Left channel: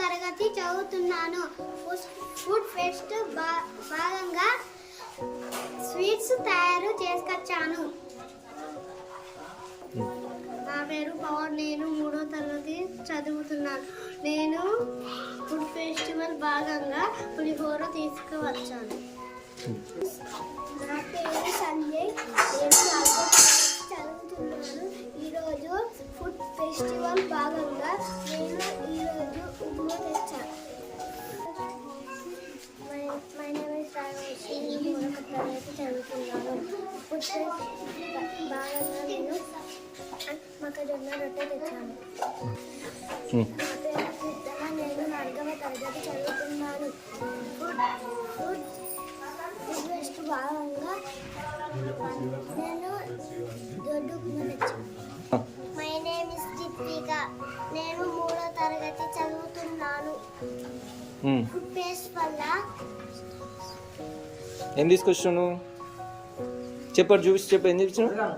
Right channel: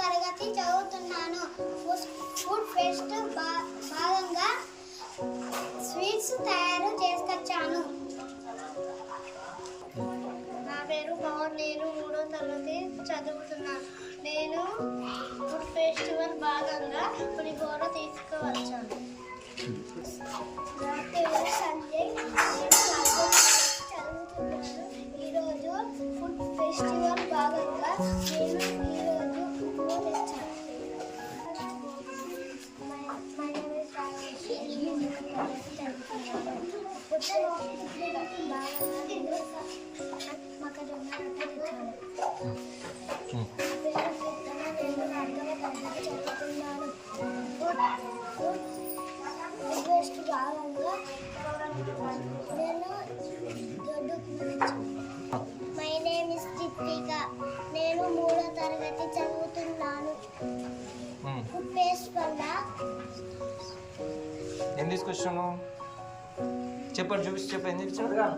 తరగతి చదువుతున్నాను. Food fest భాగంగా స్వీట్స్ తయారు చేసుకొచ్చాను. నా పేరు పవన్. నేను 3వ తరగతి చదువుతున్నాను. నేను ఫుడ్ ఫెస్టివల్ భాగంగా పులిహోర తీసుకువచ్చాను. నా పేరు సంజయ్. నేను 4వ తరగతి చదువుతున్నాను. ఈరోజు ఫుడ్ ఫెస్టివల్ భాగంగా నేను ఈరోజు ఉప్మా తెచ్చాను. My name is Rajesh. నేను 3వ తరగతి చదువుతున్నాను. ఫుడ్ ఫెస్టివల్ భాగంగా నేను మొక్కజొన్న రొట్టె తెచ్చాను. నా పేరు కీర్తన. నేను 4వ తరగతి చదువుతున్నాను. ఫుడ్ ఫెస్ట్ భాగంగా నేను దొడ్డు ఉప్మా తెచ్చాను. My name is Deepika. నేను 3వ తరగతి చదువుతున్నాను. ఫుడ్ ఫెస్ట్ వల్ల ఏం తీసుకొచ్చాను చెప్పు, చూసి చెప్పు. ఏం తీసుకొచ్చాను?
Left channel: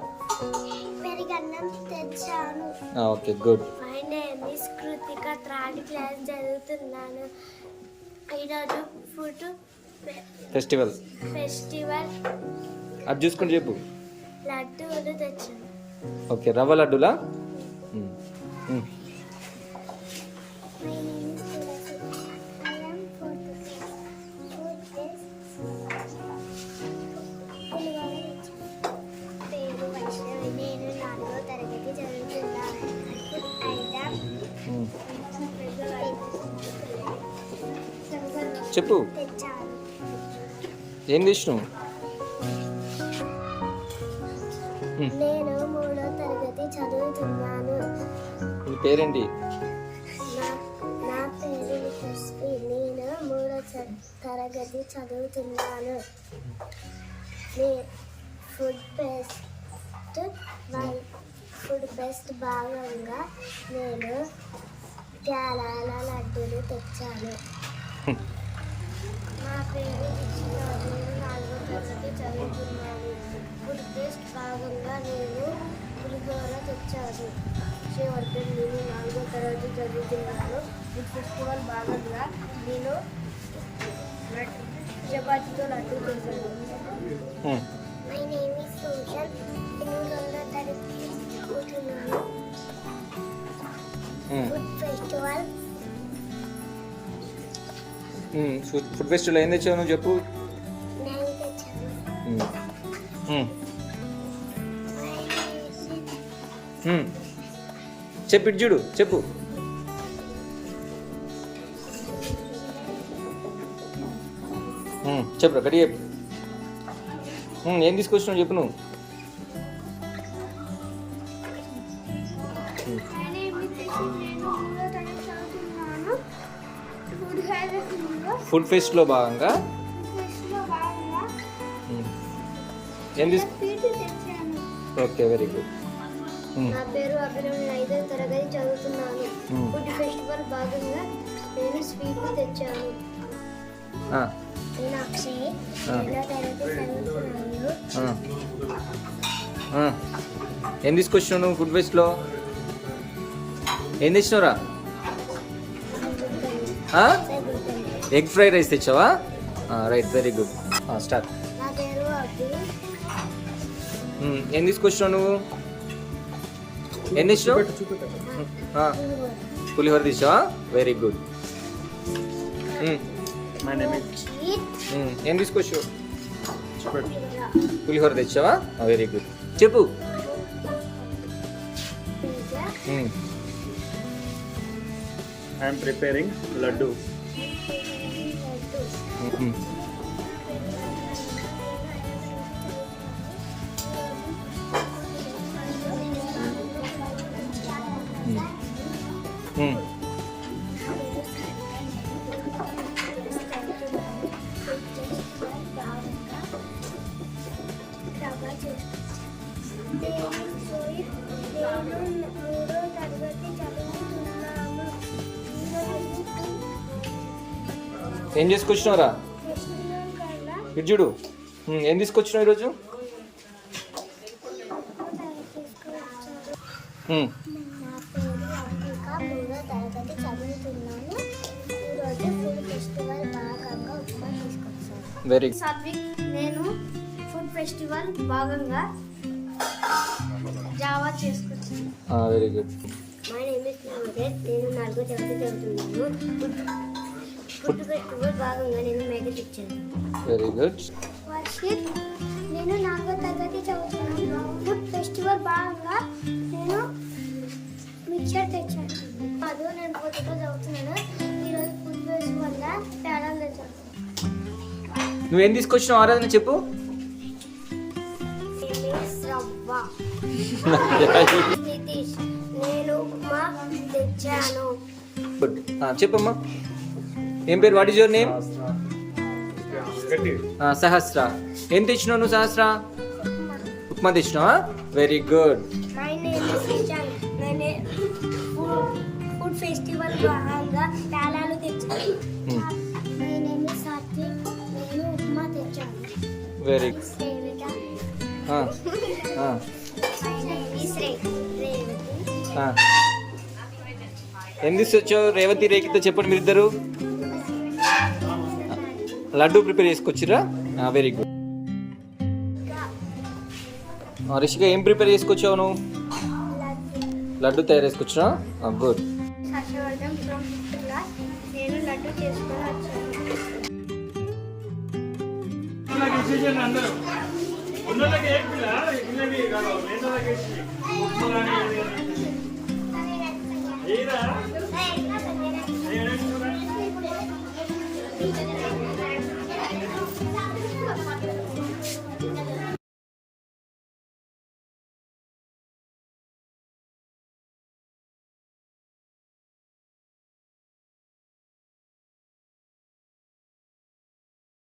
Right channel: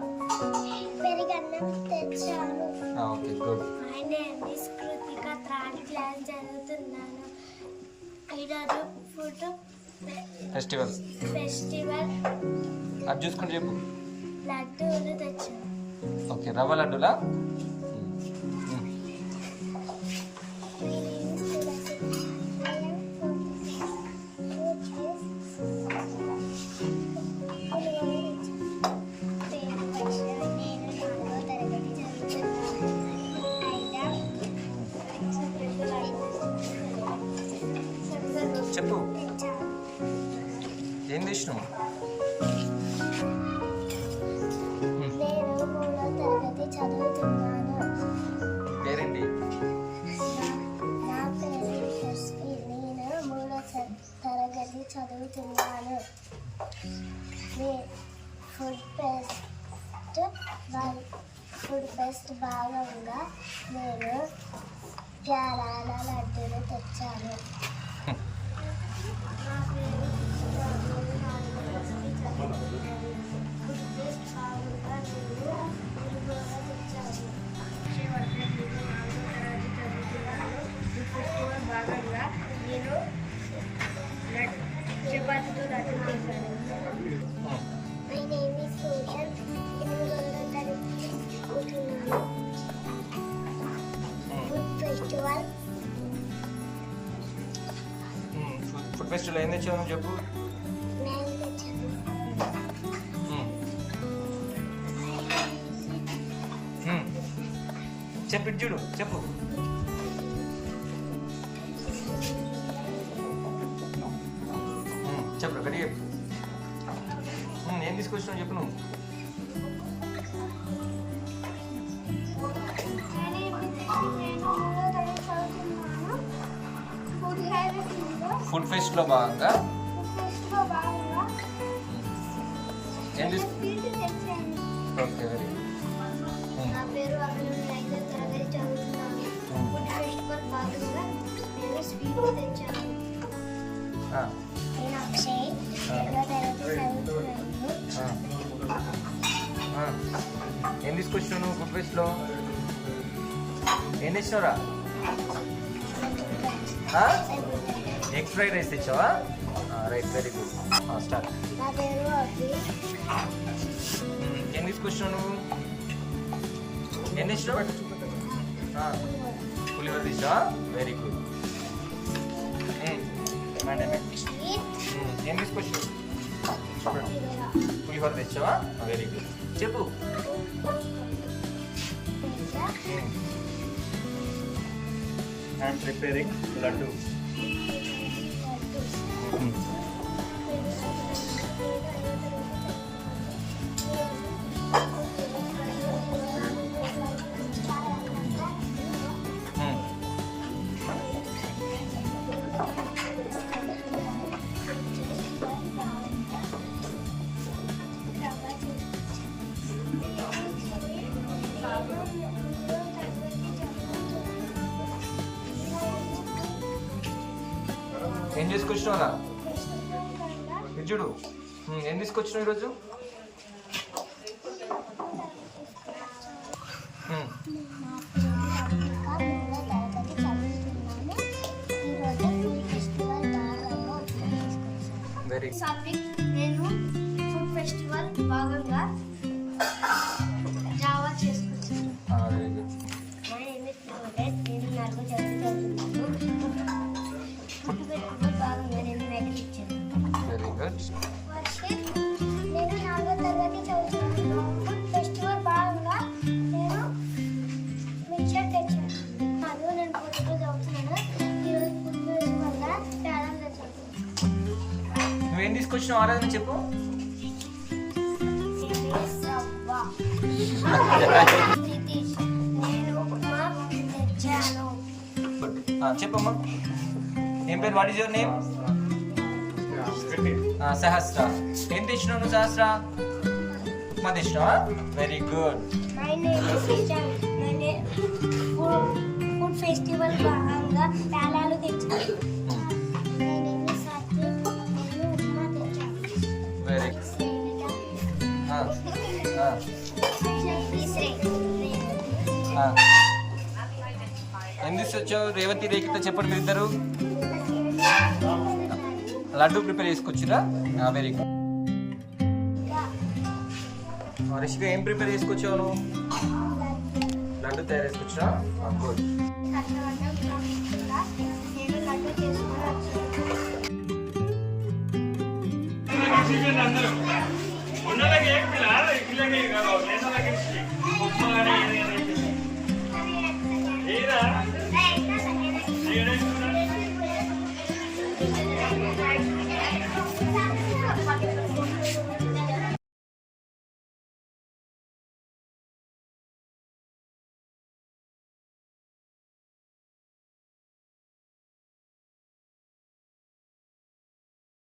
పెరుగన్నం తెచ్చాను. Okay, good. My name is Krittika. 3rd class చదువుతున్నాను. ఈరోజు ఫుడ్ ఫెస్టివల్ అది చూసుకుంటూ చెప్పు. లడ్డూలు తెచ్చాను. ఓకే, రవ్వ లడ్డూలా? చెప్పు, ఏం తెచ్చినావు? నేను 3వ తరగతి చదువుతున్నాను. నీ పేరేంటి? నా పేరు వికస్వి. నేను 3వ తరగతి చదువుతున్నాను. ఫుడ్ ఫెస్ట్ భాగంగా నేను ప్యాలాల లడ్డూలు తెచ్చాను. నా పేరు ఫుడ్ ఫెస్ట్ భాగంగా నేను పులిహోర తెచ్చాను. నేను 4వ తరగతి చదువుతున్నాను. ఫుడ్ ఫెస్టివల్ భాగంగా నేను చపాతీతో లడ్డు చేశాను. My name is Susan. 8వ తరగతి చదువుతున్నాను. ఫుడ్ ఫెస్టివల్ ఏం తెచ్చావు నువ్వు చెప్పు. చెప్పు, ఇటు చూడు, చెప్పు. చెప్పు, అక్కడ చెప్పు. ఏం తీసుకొచ్చినావు చెప్పు నువ్వు. ఫుడ్ ఫెస్ట్లో భాగంగా ఏం ఓకే, వెరీ గుడ్. నా పేరు అభినవ్. 5వ తరగతి చదువుతున్నాను. ఫుడ్ ఫెస్టివల్ భాగంగా నేను స్వీట్లు తెచ్చాను. నేను అక్షయ్. 2వ తరగతి చదువుతున్నాను. ఏం తీసుకొచ్చినావు నువ్వు ఫుడ్ ఫెస్ట్లో? ఏం తెచ్చినావురా? ఎగ్ ఫ్రైడ్ రైస్ తెచ్చావా? Right, very good. స్టార్ట్. నా పేరు అభి. ఏం తీసుకొచ్చినావు నువ్వు? ఏం తెచ్చినావు? పులిహోర తెచ్చావా? Very good. ఏం తీసుకొచ్చావు? పులిహోర తెచ్చావా? Very good. చెప్పు. I am preparing laddu. ఏం చేసుకొచ్చినావురా? ఇటు చూడు. ఏం తీసుకొచ్చినావు ఈరోజు? నా పేరు అభిక. 3వ తరగతి చదువుతున్నాను. వెరీ సాత్విక్. నేను ఫుడ్ ఫెస్టివల్ భాగంగా జావా చేసుకుంటున్నాను. Very good. My name is Mohet. నేను 4వ తరగతి చదువుతున్నాను. ఫుడ్ ఫెస్టివల్ భాగంగా నేను మ్యాగీ తెచ్చాను. Very good. వర్షిత్. నేను 4వ తరగతి చదువుతున్నాను. ఫుడ్ ఫెస్టివల్ భాగంగా నేను మిక్చర్ తెచ్చాను. అదో నేను పొద్దుట చదువుతున్నాను. ఈరోజు ఫుడ్ ఫెస్టివల్గా పేడం తెచ్చాను. నువ్వేం తీసుకొచ్చినావు ఆరాధన చెప్పు. రవ్వ. నితీష్. నేను ఉప్మా తెచ్చాను. గుడ్. చెప్పమ్మా ఏం పేరు, what is your name? Sahasra. ఏం తెచ్చినావు నువ్వు సహస్ర? ఉప్మా తెచ్చినావా? Very good. My name is Vijay. Food festival భాగంగా పేలాలు తెచ్చాను. My name is Satvik. నేను ఉప్మా తెచ్చాను. Very good. ఏం తీసుకొచ్చావు రేవతి రేఖతో చెప్పండి మీరు ఇద్దరు. లడ్డు ప్రిపేర్ చేసుకొచ్చిరా? Very good. రిషిక ఏం ప్రిపేర్ చేసుకొచ్చావు నువ్వు? లడ్డు తయారు చేసుకొచ్చినా? గుడ్. నేను లడ్డు చేసుకొని వచ్చాను.